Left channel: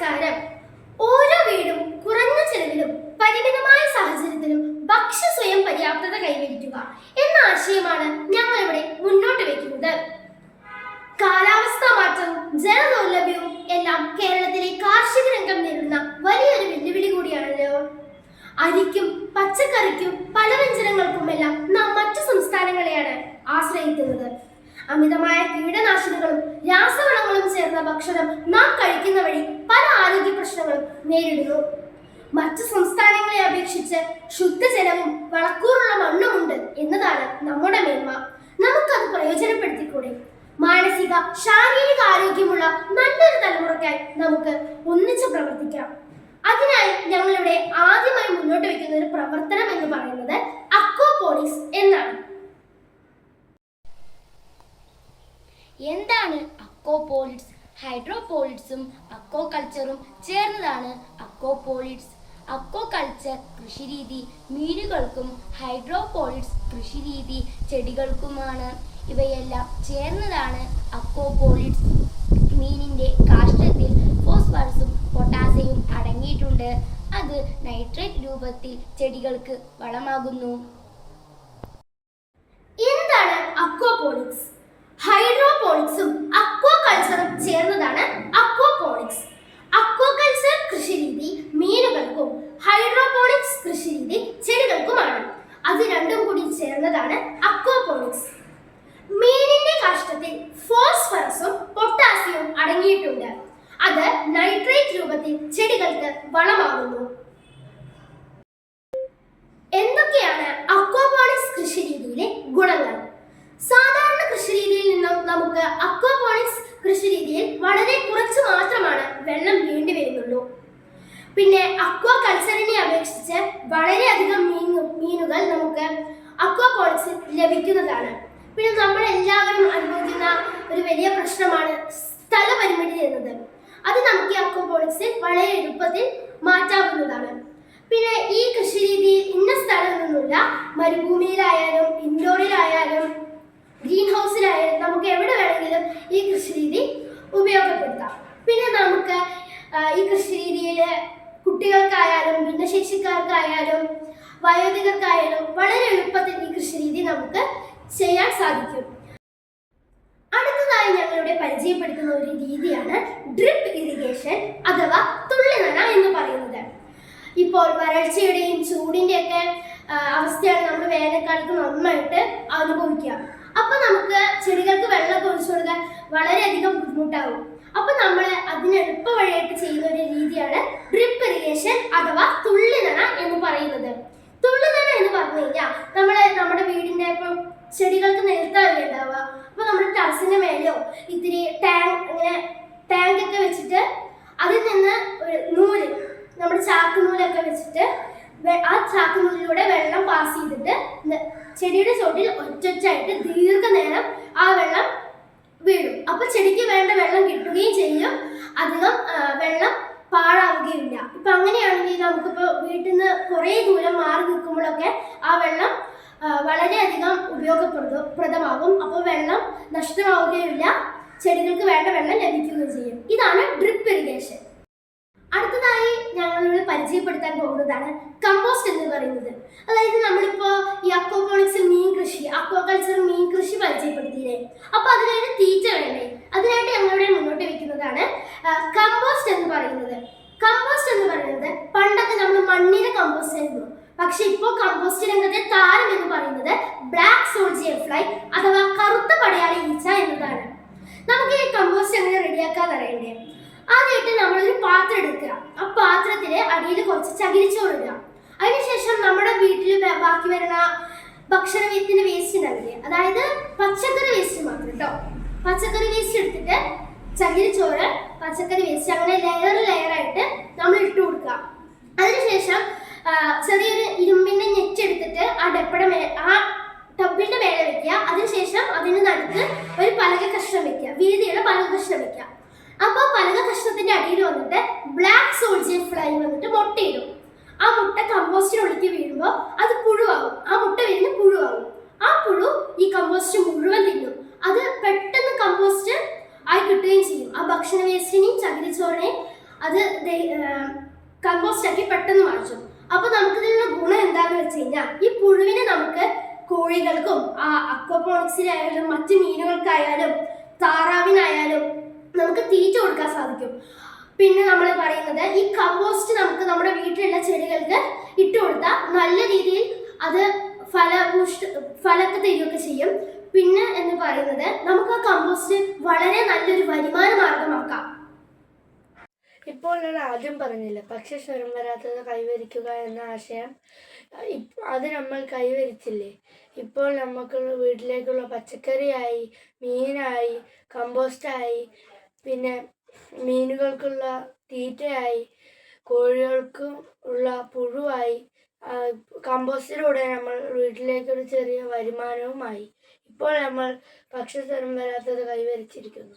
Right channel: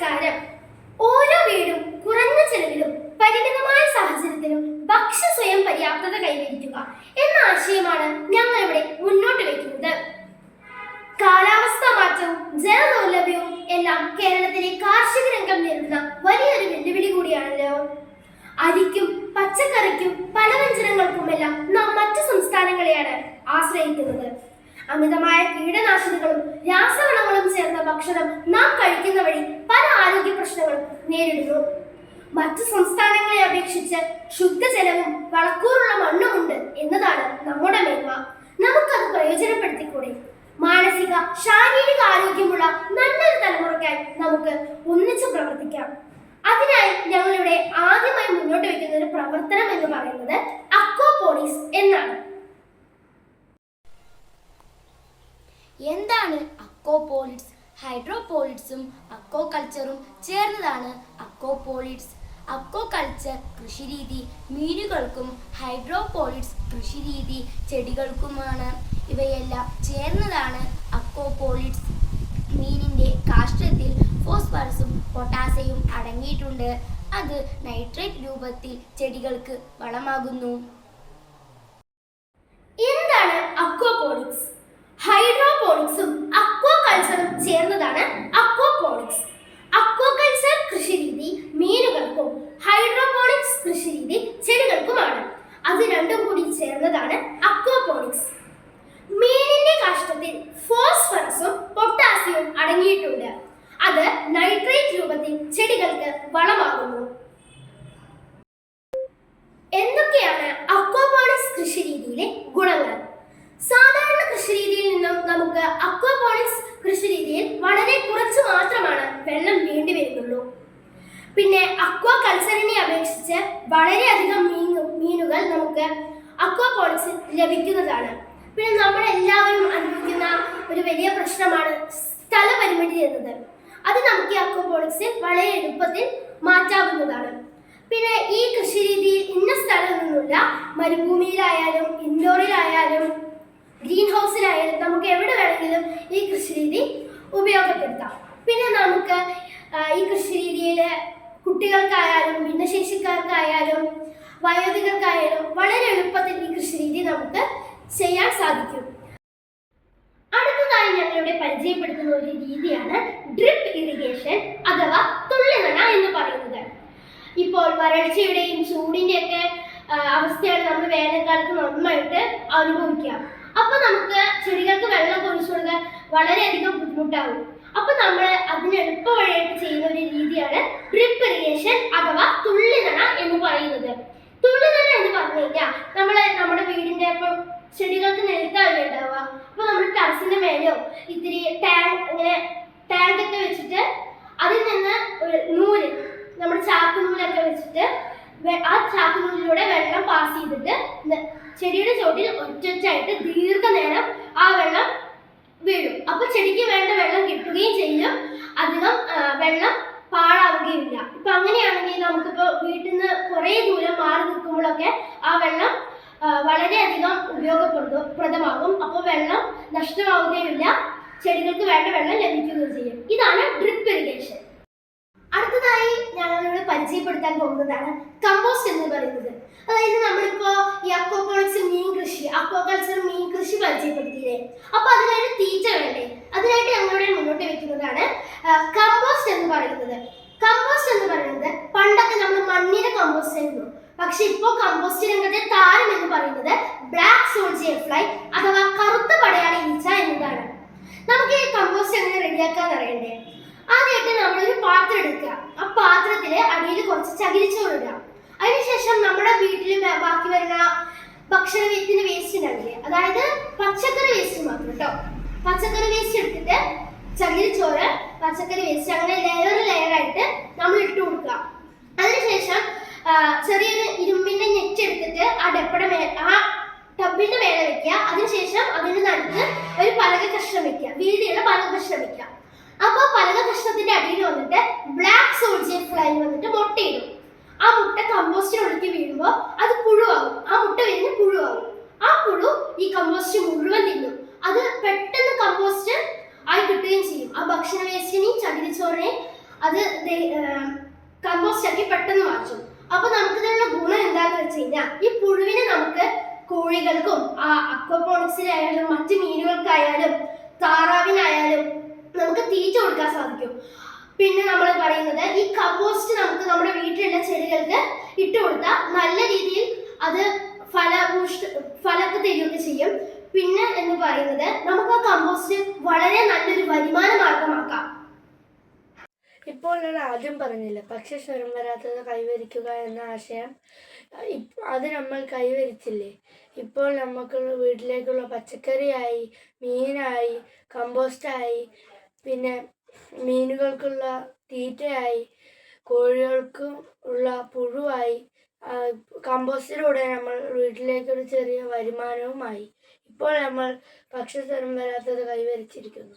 നമസ്കാരം. ഓരോ വീടും കുറഞ്ഞ ചെലവിലും പരിമിതമായ സാഹചര്യത്തിലും ഭക്ഷ്യ സ്വയം പര്യാപ്തത കൈവരിക്കുക എന്ന ആശയമാണ് ഞങ്ങൾ ഇവിടെ മുന്നോട്ട് വയ്ക്കുന്നത്. കാലാവസ്ഥാ മാറ്റവും ജലദൗർലഭ്യവും എല്ലാം കേരളത്തിലെ കാർഷിക രംഗം നേരിടുന്ന വലിയൊരു വെല്ലുവിളി കൂടിയാണല്ലോ. അരിക്കും പച്ചക്കറിക്കും പലവ്യഞ്ജനങ്ങൾക്കുമെല്ലാം നാം മറ്റു സംസ്ഥാനങ്ങളെയാണ് ആശ്രയിക്കുന്നത്. അമിതമായ കീടനാശിനികളും രാസവളങ്ങളും ചേർന്ന ഭക്ഷണം നാം കഴിക്കുന്ന വഴി പല ആരോഗ്യ പ്രശ്നങ്ങളും നേരിടുന്നു. മറ്റു സംസ്ഥാനങ്ങളെ അപേക്ഷിച്ച് ശുദ്ധജലവും വളക്കൂറുള്ള മണ്ണുമുണ്ട് എന്നതാണ് നമ്മുടെ മേന്മ. നമുക്കത് പ്രയോജനപ്പെടുത്തിക്കൂടെ? മാനസിക ശാരീരിക ആരോഗ്യമുള്ള നല്ലൊരു തലമുറയ്ക്കായി നമുക്ക് ഒന്നിച്ചു പ്രവർത്തിക്കാം. അതിനായി ഞങ്ങളിവിടെ ആദ്യമായി മുന്നോട്ട് വയ്ക്കുന്ന ഒരു പ്രവർത്തനം എന്ന് പറയുന്നത് അക്വാപോണിക്സ് എന്നാണ്. എന്താണ് അക്വാപോണിക്സ്? ഹൈഡ്രോപോണിക്സും അക്വാകൾച്ചറും ചേർന്നതാണ് അക്വാപോണിക്സ്. അക്വാകൾച്ചർ കൃഷിരീതി മീനുകൾക്കും ഹൈഡ്രോപോണിക്സ് കൃഷിരീതി ചെടികൾക്കുമാണ്. ഇവയെല്ലാം ചേർന്നതാണ് അക്വാപോണിക്സ്. മീനിന്റെ കാഷ്ടത്തിൽ ഫോസ്ഫറസും പൊട്ടാസ്യവും അടങ്ങിയിട്ടുണ്ട്. അത് നൈട്രേറ്റ് രൂപത്തിൽ ചെടികൾക്ക് വളമാകുന്നു. എന്താണ് അക്വാപോണിക്സ്? ഹൈഡ്രോപോണിക്സും അക്വാകൾച്ചറും ചേർന്നതാണ് അക്വാപോണിക്സ്. അക്വാകൾച്ചർ കൃഷിരീതി മീനുകൾക്കും ഹൈഡ്രോപോണിക്സ് കൃഷിരീതി ചെടികൾക്കുമാണ്. അത് രണ്ടും കൂടി ചേർന്നതാണ് അക്വാപോണിക്സ്. മീനിന്റെ കാഷ്ടത്തിൽ ഫോസ്ഫറസും പൊട്ടാസ്യവും അടങ്ങിയിട്ടുണ്ട്. അത് നൈട്രേറ്റ് രൂപത്തിൽ ചെടികൾക്ക് വളമാകുന്നു. എന്തൊക്കെയാണ് അക്വാപോണിക്സ് കൃഷിരീതിയിലെ ഗുണങ്ങൾ? സാധാരണ കൃഷിരീതിയിൽ നിന്നും നമുക്ക് അക്വാപോണിക്സ് കൃഷിരീതിയിൽ വളരെ കുറച്ച് മാത്രമാണ് വെള്ളം വേണ്ടി വരുന്നുള്ളൂ. പിന്നെ അക്വാകൾച്ചറിനെ അപേക്ഷിച്ച് വളരെയധികം മീനുകൾ നമുക്ക് അക്വാപോണിക്സിൽ ലഭിക്കുന്നതാണ്. പിന്നെ നമ്മളെല്ലാവരും അനുഭവിക്കുന്ന ഒരു വലിയ പ്രശ്നമാണ് സ്ഥലപരിമിതി എന്നത്. അത് നമുക്ക് ഈ അക്വാപോണിക്സിൽ വളരെ എളുപ്പത്തിൽ മാറ്റാവുന്നതാണ്. പിന്നെ ഈ കൃഷിരീതിയിൽ ഇന്ന സ്ഥലമൊന്നുമില്ല. മരുഭൂമിയിലായാലും ഇൻഡോറിലായാലും ഗ്രീൻ ഹൗസിലായാലും നമുക്ക് എവിടെ വേണമെങ്കിലും ഈ കൃഷിരീതി ഉപയോഗപ്പെടുത്താം. പിന്നെ നമുക്ക് ഈ കൃഷിരീതിയിൽ കുട്ടികൾക്കായാലും ഭിന്നശേഷിക്കാർക്കായാലും വയോധികർക്കായാലും വളരെ എളുപ്പത്തിൽ ഈ കൃഷിരീതി നമുക്ക് ചെയ്യാൻ സാധിക്കും. അടുത്തതായി ഞങ്ങളിവിടെ പരിചയപ്പെടുത്തുന്ന ഒരു രീതിയാണ് ഡ്രിപ്പ് ഇറിഗേഷൻ അഥവാ തുള്ളിനന എന്ന് പറയുന്നത്. ഇപ്പോൾ വരൾച്ചയുടെയും ചൂടിൻ്റെയൊക്കെ അവസ്ഥയാണ് നമ്മൾ വേനൽക്കാലത്ത് നന്നായിട്ട് അനുഭവിക്കുക. അപ്പൊ നമുക്ക് ചെടികൾക്ക് വെള്ളം ഒഴിച്ചു കൊടുക്കാൻ വളരെയധികം ബുദ്ധിമുട്ടാകും. അപ്പൊ നമ്മൾ അതിന് എളുപ്പ വഴിയായിട്ട് ചെയ്യുന്ന ഒരു രീതിയാണ് ഡ്രിപ്പ് ഇറിഗേഷൻ അഥവാ തുള്ളിനന എന്ന് പറയുന്നത്. തുള്ളിനന എന്ന് പറഞ്ഞു കഴിഞ്ഞാൽ നമ്മുടെ വീടിന്റെ ഇപ്പം ചെടികൾക്ക് നിലത്താവില്ല ഉണ്ടാവുക. അപ്പൊ നമ്മൾ ടെറസിന്റെ മേലെയോ ഇത്തിരി ടാങ്ക് ഒക്കെ വെച്ചിട്ട് അതിൽ നിന്ന് നൂല് നമ്മുടെ ചാക്കുനൂലൊക്കെ വെച്ചിട്ട് ആ ചാക്കുനൂലിലൂടെ വെള്ളം പാസ് ചെയ്തിട്ട് ചെടിയുടെ ചോട്ടിൽ ഒറ്റൊറ്റായിട്ട് ദീർഘനേരം ആ വെള്ളം വീഴും. അപ്പൊ ചെടിക്ക് വേണ്ട വെള്ളം കിട്ടുകയും ചെയ്യും, അധികം വെള്ളം പാഴാവുകയില്ല. ഇപ്പൊ അങ്ങനെയാണെങ്കിൽ നമുക്കിപ്പോൾ വീട്ടിൽ നിന്ന് കുറേ ദൂരം മാറി നിൽക്കുമ്പോഴൊക്കെ ആ വെള്ളം വളരെയധികം ഉപയോഗപ്രദമാകും. അപ്പോൾ വെള്ളം നഷ്ടമാവുകയില്ല, ചെടികൾക്ക് വേണ്ട വെള്ളം ലഭിക്കുകയും ചെയ്യും. ഇതാണ് ഡ്രിപ്പ് ഇറിഗേഷൻ. അടുത്തതായി ഞങ്ങളിവിടെ പരിചയപ്പെടുത്താൻ പോകുന്നതാണ് കമ്പോസ്റ്റ് എന്ന് പറയുന്നത്. അതായത് നമ്മളിപ്പോ ഈ അക്വാപോണിക്സിൽ അക്വാകൾച്ചർ മീൻ കൃഷി പരിചയപ്പെടുത്തിയില്ലേ? അപ്പൊ അതിനായിട്ട് തീറ്റ വേണ്ടേ? അതിനായിട്ട് ഞങ്ങളിവിടെ മുന്നോട്ട് വെക്കുന്നതാണ് കമ്പോസ്റ്റ് എന്ന് പറയുന്നത്. കമ്പോസ്റ്റ് എന്ന് പറയുന്നത് പണ്ടൊക്കെ നമ്മൾ മണ്ണിര കമ്പോസ്റ്റ് ആയിരുന്നു. പക്ഷെ ഇപ്പോൾ കമ്പോസ്റ്റ് രംഗത്തെ താരം എന്ന് പറയുന്നത് ബ്ലാക്ക് സോൾജിയർ ഫ്ലൈ അഥവാ കറുത്ത പടയാളി ഈച്ച എന്നതാണ്. നമുക്ക് ഈ കമ്പോസ്റ്റ് എങ്ങനെ റെഡിയാക്കാന്ന് അറിയണ്ടേ? ആദ്യമായിട്ട് നമ്മളൊരു പാത്രം എടുക്കുക. ആ പാത്രത്തില് അടിയിൽ കുറച്ച് ചകിരിച്ചോറ് ഇടുക. അതിനുശേഷം നമ്മുടെ വീട്ടിൽ ബാക്കി വരുന്ന ഭക്ഷണത്തിന്റെ വേസ്റ്റ് ഉണ്ടാവില്ലേ, അതായത് പച്ചക്കറി വേസ്റ്റ് മാത്രം കേട്ടോ. പച്ചക്കറി വേസ്റ്റ് എടുത്തിട്ട് ചകിരിച്ചോറ്, പച്ചക്കറി വേസ്റ്റ് അങ്ങനെ ലെയറായിട്ട് നമ്മൾ ഇട്ട് കൊടുക്കുക. അതിനുശേഷം ചെറിയൊരു ഇരുമ്പിന്റെ നെറ്റ് എടുത്തിട്ട് ആ ടബിന്റെ മേലെ വെക്കുക. അതിനുശേഷം അതിന് നടുക്ക് ഒരു പലക കഷ്ണം വെക്കുക, വീതിയുള്ള പലക കഷ്ണം വെക്കുക. അപ്പോൾ പലക കഷ്ണത്തിന്റെ അടിയിൽ വന്നിട്ട് ബ്ലാക്ക് സോൾജിയർ ഫ്ലൈ വന്നിട്ട് മുട്ടയിടും. ആ മുട്ട കമ്പോസ്റ്റിനുള്ളിലേക്ക് വീഴുമ്പോൾ അത് പുഴുവാകും. ആ മുട്ട വിരിഞ്ഞ് പുഴുവാകും. ആ പുഴു ഈ കമ്പോസ്റ്റ് മുഴുവൻ തിന്നും. അത് പെട്ടെന്ന് കമ്പോസ്റ്റ് ആയി കിട്ടുകയും ചെയ്യും. ആ ഭക്ഷണ വേസ്റ്റിനെയും ചകിരിച്ചോറിനെയും അത് കമ്പോസ്റ്റ് ആക്കി പെട്ടെന്ന് മാറ്റും. അപ്പൊ നമുക്കിതിനുള്ള ഗുണം എന്താന്ന് വെച്ച് കഴിഞ്ഞാൽ ഈ പുഴുവിനെ നമുക്ക് കോഴികൾക്കും അക്വാപോണിക്സിലായാലും മറ്റ് മീനുകൾക്കായാലും താറാവിനായാലും നമുക്ക് തീറ്റ കൊടുക്കാൻ സാധിക്കും. പിന്നെ നമ്മൾ പറയുന്നത് ഈ കമ്പോസ്റ്റ് നമുക്ക് നമ്മുടെ വീട്ടിലുള്ള ചെടികൾക്ക് ഇട്ട് കൊടുത്താൽ നല്ല രീതിയിൽ അത് ഫലമൊക്കെ തരികയൊക്കെ ചെയ്യും. പിന്നെ എന്ന് പറയുന്നത് നമുക്ക് ആ കമ്പോസ്റ്റ് വളരെ നല്ലൊരു വരുമാന മാർഗമാക്കാം. ഇപ്പോൾ ഞാൻ ആദ്യം പറഞ്ഞില്ല, പക്ഷെ സ്വരം വരാത്തത് കൈവരിക്കുക എന്ന ആശയം അത് നമ്മൾ കൈവരിച്ചില്ലേ. ഇപ്പോൾ നമുക്ക് വീട്ടിലേക്കുള്ള പച്ചക്കറിയായി, മീനായി, കമ്പോസ്റ്റായി, പിന്നെ മീനുകൾക്കുള്ള തീറ്റയായി, കോഴികൾക്കും ഉള്ള പുഴുവായി, കമ്പോസ്റ്റിലൂടെ നമ്മൾ വീട്ടിലേക്കൊരു ചെറിയ വരുമാനവുമായി. ഇപ്പോൾ നമ്മൾ ഭക്ഷ്യസ്വരം വരാത്തത് കൈവരിച്ചിരിക്കുന്നു.